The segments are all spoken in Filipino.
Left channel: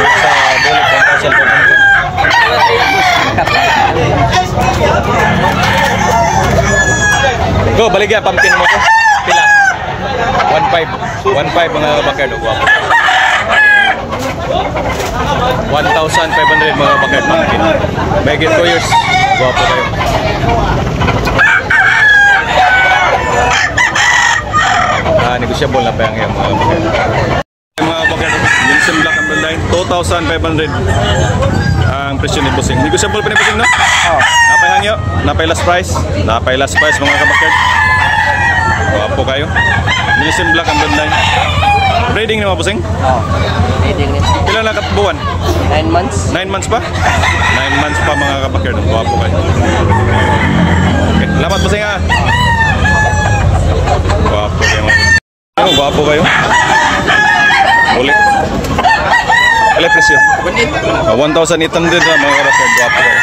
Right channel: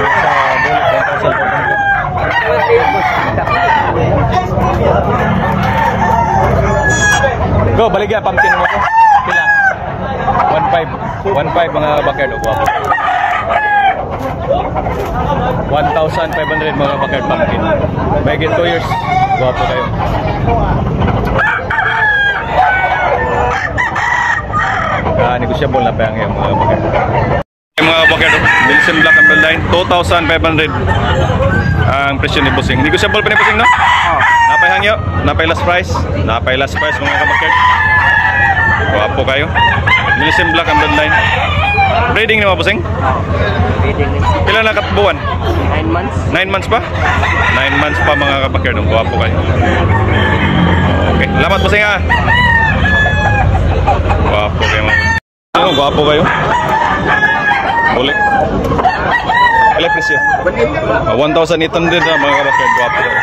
Sa bulik 1,500. Go, baligya, pumpkin mo ko. Pila? 1,500. 1,500 mga kabakard. Guwapo. 1,500 mga kabakard pumpkin. May get 2 years. Guwapo kayo. Negotiable na pa yung mga kabakard. Mga kabakard, Wilson Black and Bloodline, 2,500 ang presyo ni Busing. Negotiable pa ni Busing, no? Napay hangyo, napay last price mga kabakard. Guwapo kayo. Wilson Black and Bloodline. Breeding ni mga Busing? Breeding ni. Pila na kabuwan? 9 months. 9 months pa? 9 months pa mga kabakard. Guwapo kayo. Okay, salamat Busing ha. Guwapo kayo mga. Ano, guwapo kayo? Ulit. Ulit presyo. 1,800 na mga kabakard. Guwapo kayo.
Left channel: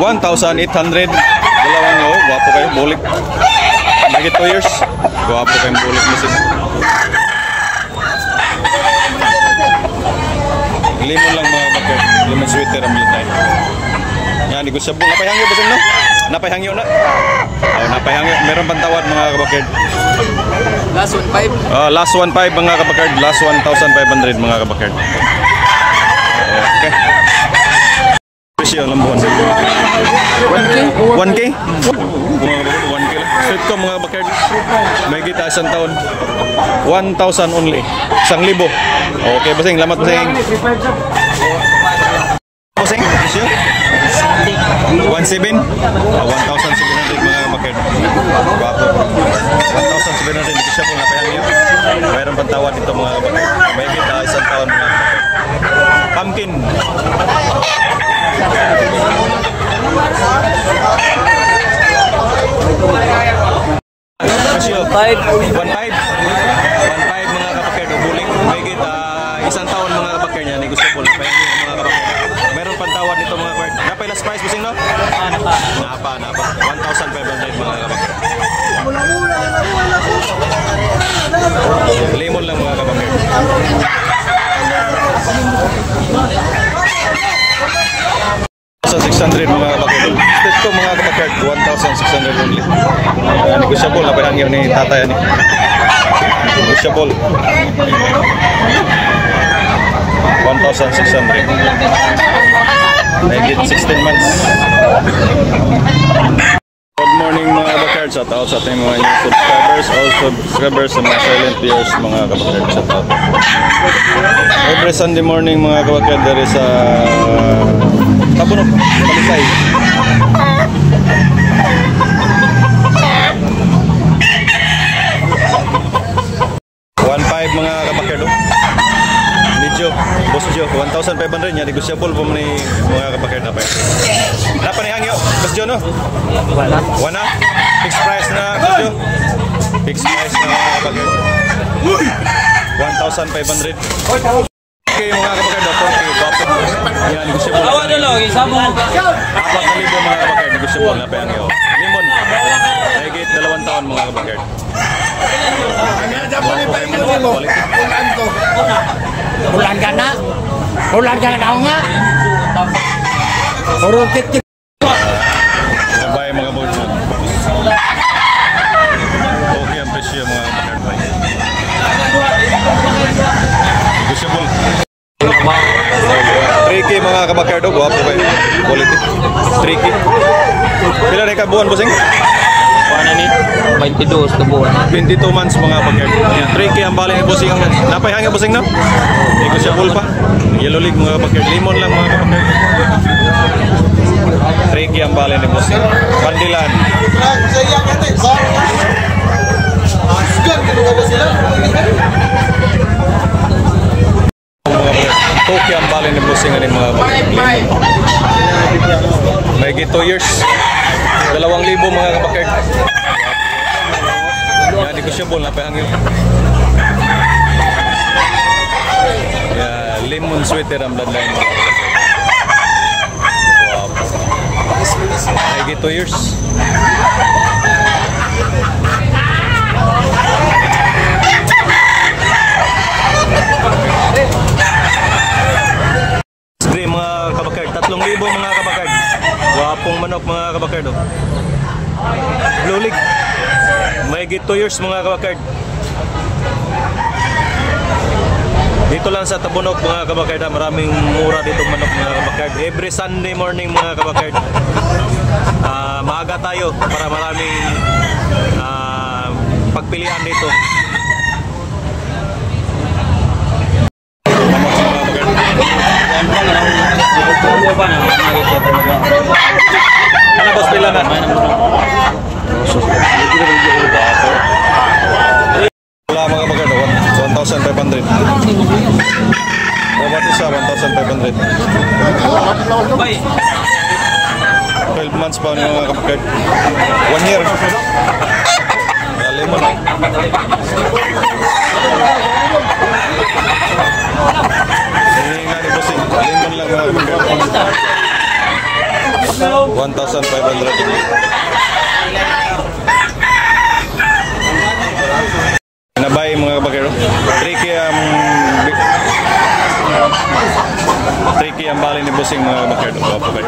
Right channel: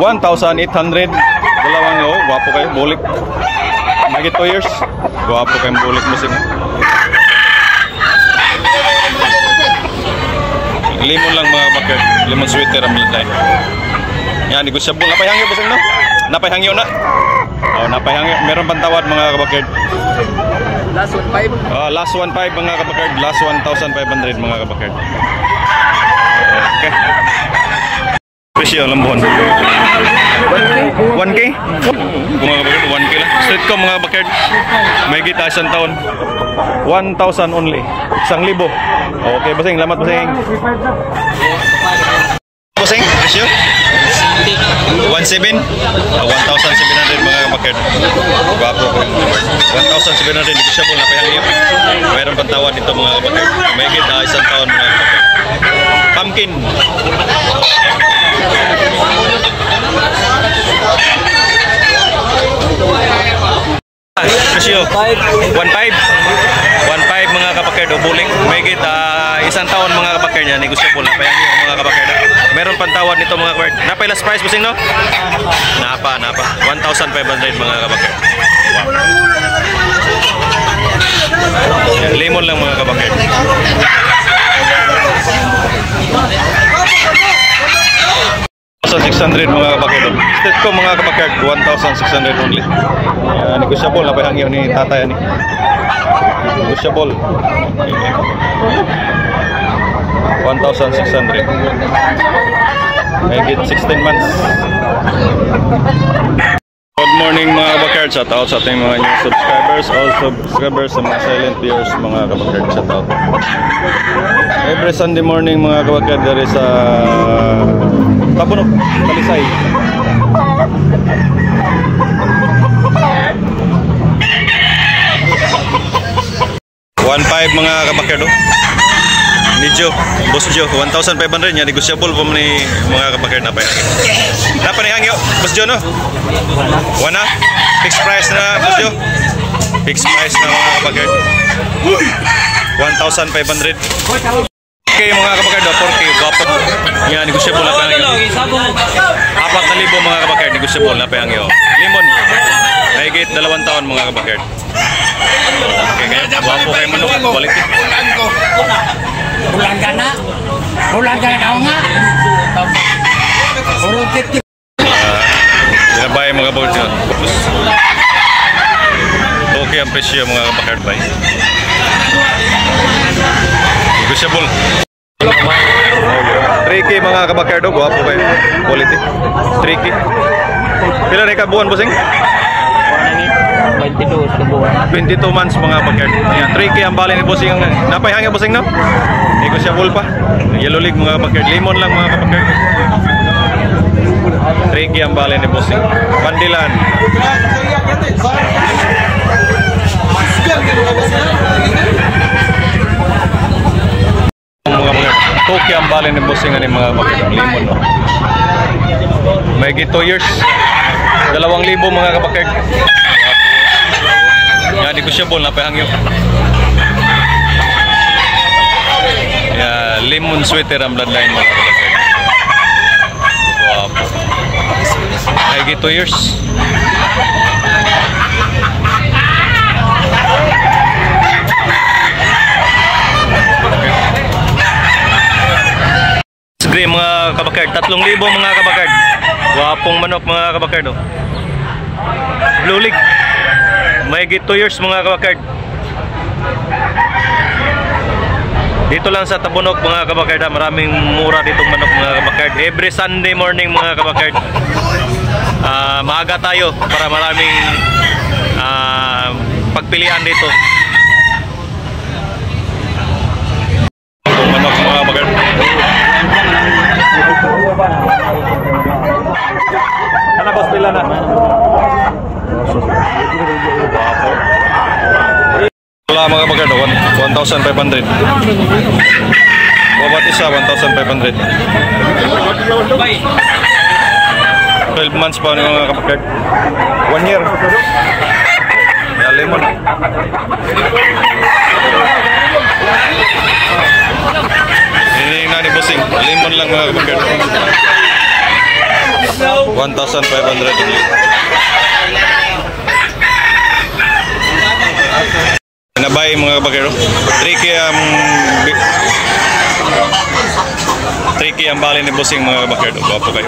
1,800. Dalawang o, guwapo kayo. Bulik. Magit 2 years. Guwapo kayong bulik mo sila. Limon lang mga kabakard. Limon sweater ang laday. Yan, negosyable. Napayhangyo ba no? Napayhangyo na. Oh, napayhangyo. Meron pantawad mga kabakard. Last 1,500. Last 1,500 mga kabakard. Last 1,500 mga kabakard. Okay. Presyo lambon. 1K? Mga kabakard, 1K lang. Street ko mga kabakard. May kita isang taon. 1,000 only. 1,000. Okay, Basing. Salamat, Basing. Basing, presyo? 1,700? 1,700 mga kabakard. Guwapo. 1,700. Negosyable na payang iyo. Mayroon pantawad dito mga kabakard. May kita isang taon mga kabakard. Pumpkin. Presyo 1,500 mga kabakard o buling. May kita isang taon mga kabakard niya. Negosyable na payang iyo mga kabakard. Meron pantawad nito mga kabakard. Napay last price Busing no? Napa 1,500 mga kabakard. Wow. Lemon lang mga kabakard. 1,600 mga kabakard. State ko mga kabakard 1,600 only. Negosyable na payang iyo ni tatay ni. Negosyable. 1,600. Make it 16 months. Good morning mga kabakard. Shout out sa ating mga new subscribers, all subscribers sa mga silent viewers mga kabakard. Shout out. Every Sunday morning mga kabakard there is Tabunok, Talisay. $1,500 mga kabakard. Nijo, Boss Jo, 1,500 niya, negosyable po ni mga kabakard na pa yan. Napanihangyo, Boss Jo no? Wana? Fixed price na, Boss Jo? Fixed price na mga kabakard. 1,500. Okay mga kabakard, 4K, guwapo. Yan, negosyable na pa yan. 4,000 mga kabakard, negosyable na pa yan. Limon, nahigit 2 taon mga kabakard. Okay, kaya guwapo kayo manok, quality. Bulan ka na daw nga. Binabay mga kabakard. Okay ang presyo mga kabakard bay. Negosyable. 3K mga kabakard, guwapo kayo. Quality. 3K. Pila na ikabuhan, Busing? 22 kabuhan. 22 months mga kabakard. 3K ang bali ni Busing. Napay hangyo Busing no? Negosyable pa. Yellow league mga kabakard. Limon lang mga kabakard. 3K ang bali ni Busing. Pandilan. Mga kabakard. Toki ang bali ni Busing ani mga kabakard. Limon no? May 2 years. 2,000 mga kabakard. Yan, negosyable na pahangyo. Yeah, lemon sweater ang bloodline mga kabakard. Wow. Ay, 2 years. Libre mga kabakard, 3,000 mga kabakard. Wapong manok mga kabakard. Oh. Blue Leg. May 2 years mga kabakard. Dito lang sa Tabunok mga kabakard, maraming mura ditong manok mga kabakard. Every Sunday morning mga kabakard, maaga tayo para maraming pagpilian dito. Itong manok mga kabakard. Kana boss, pila na? Wala mga kabakard, 1,500. Bawat isa 1,500. 12 months pa ni mga kabakard. 1 year. Lemon. Ini na ni bossing. Lemon lang mga kabakard. 1,500. Nabay mga kabakero. Tricky ang bali ni bossing mga kabakero. Gwapo kayo.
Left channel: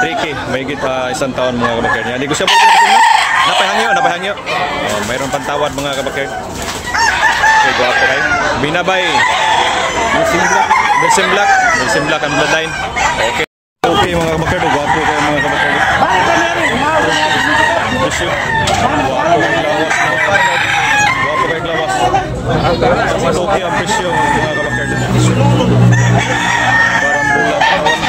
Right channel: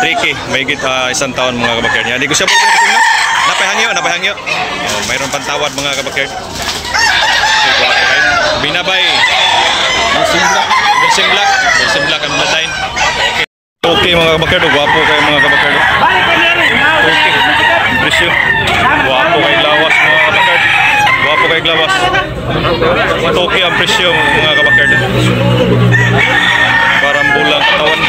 Tricky, may isang taon mga kabakero. Hindi ko siya po bossing no? Napahangyo. Oh, mayroon pantawad mga kabakero. So, gwapo kayo. Binabay. Bossing black ang bloodline. Okay mga kabakero. Gwapo kayo mga kabakero. Okay. Presyo. Gwapo kay lawas mga kabakard. Gwapo kay lawas. Toki ang presyo mga kabakard. Parang bulang katawan.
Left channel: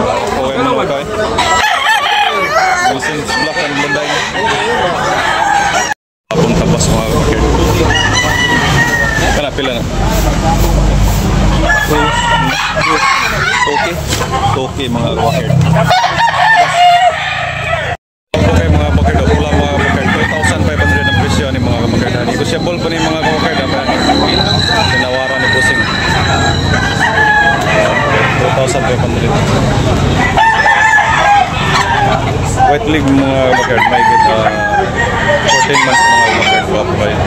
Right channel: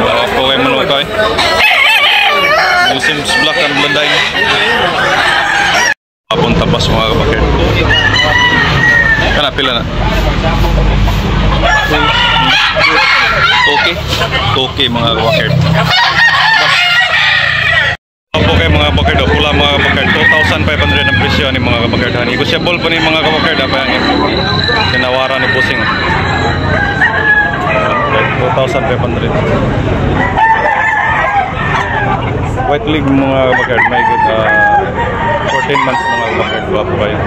Gwapo kay manukay. Musim black and blonde. Apon tabas mga kabakard. Kana pila na? Toki mga kabakard. Opo kay mga kabakard, pula mga kabakard, 2,500 ang presyo ni mga kabakard. Negotiable pa ni mga kabakard, apa yang tinawaran ni bossing. 2,500. White Leg mga kabakard, may 14 months mga kabakard. Wapo kayo.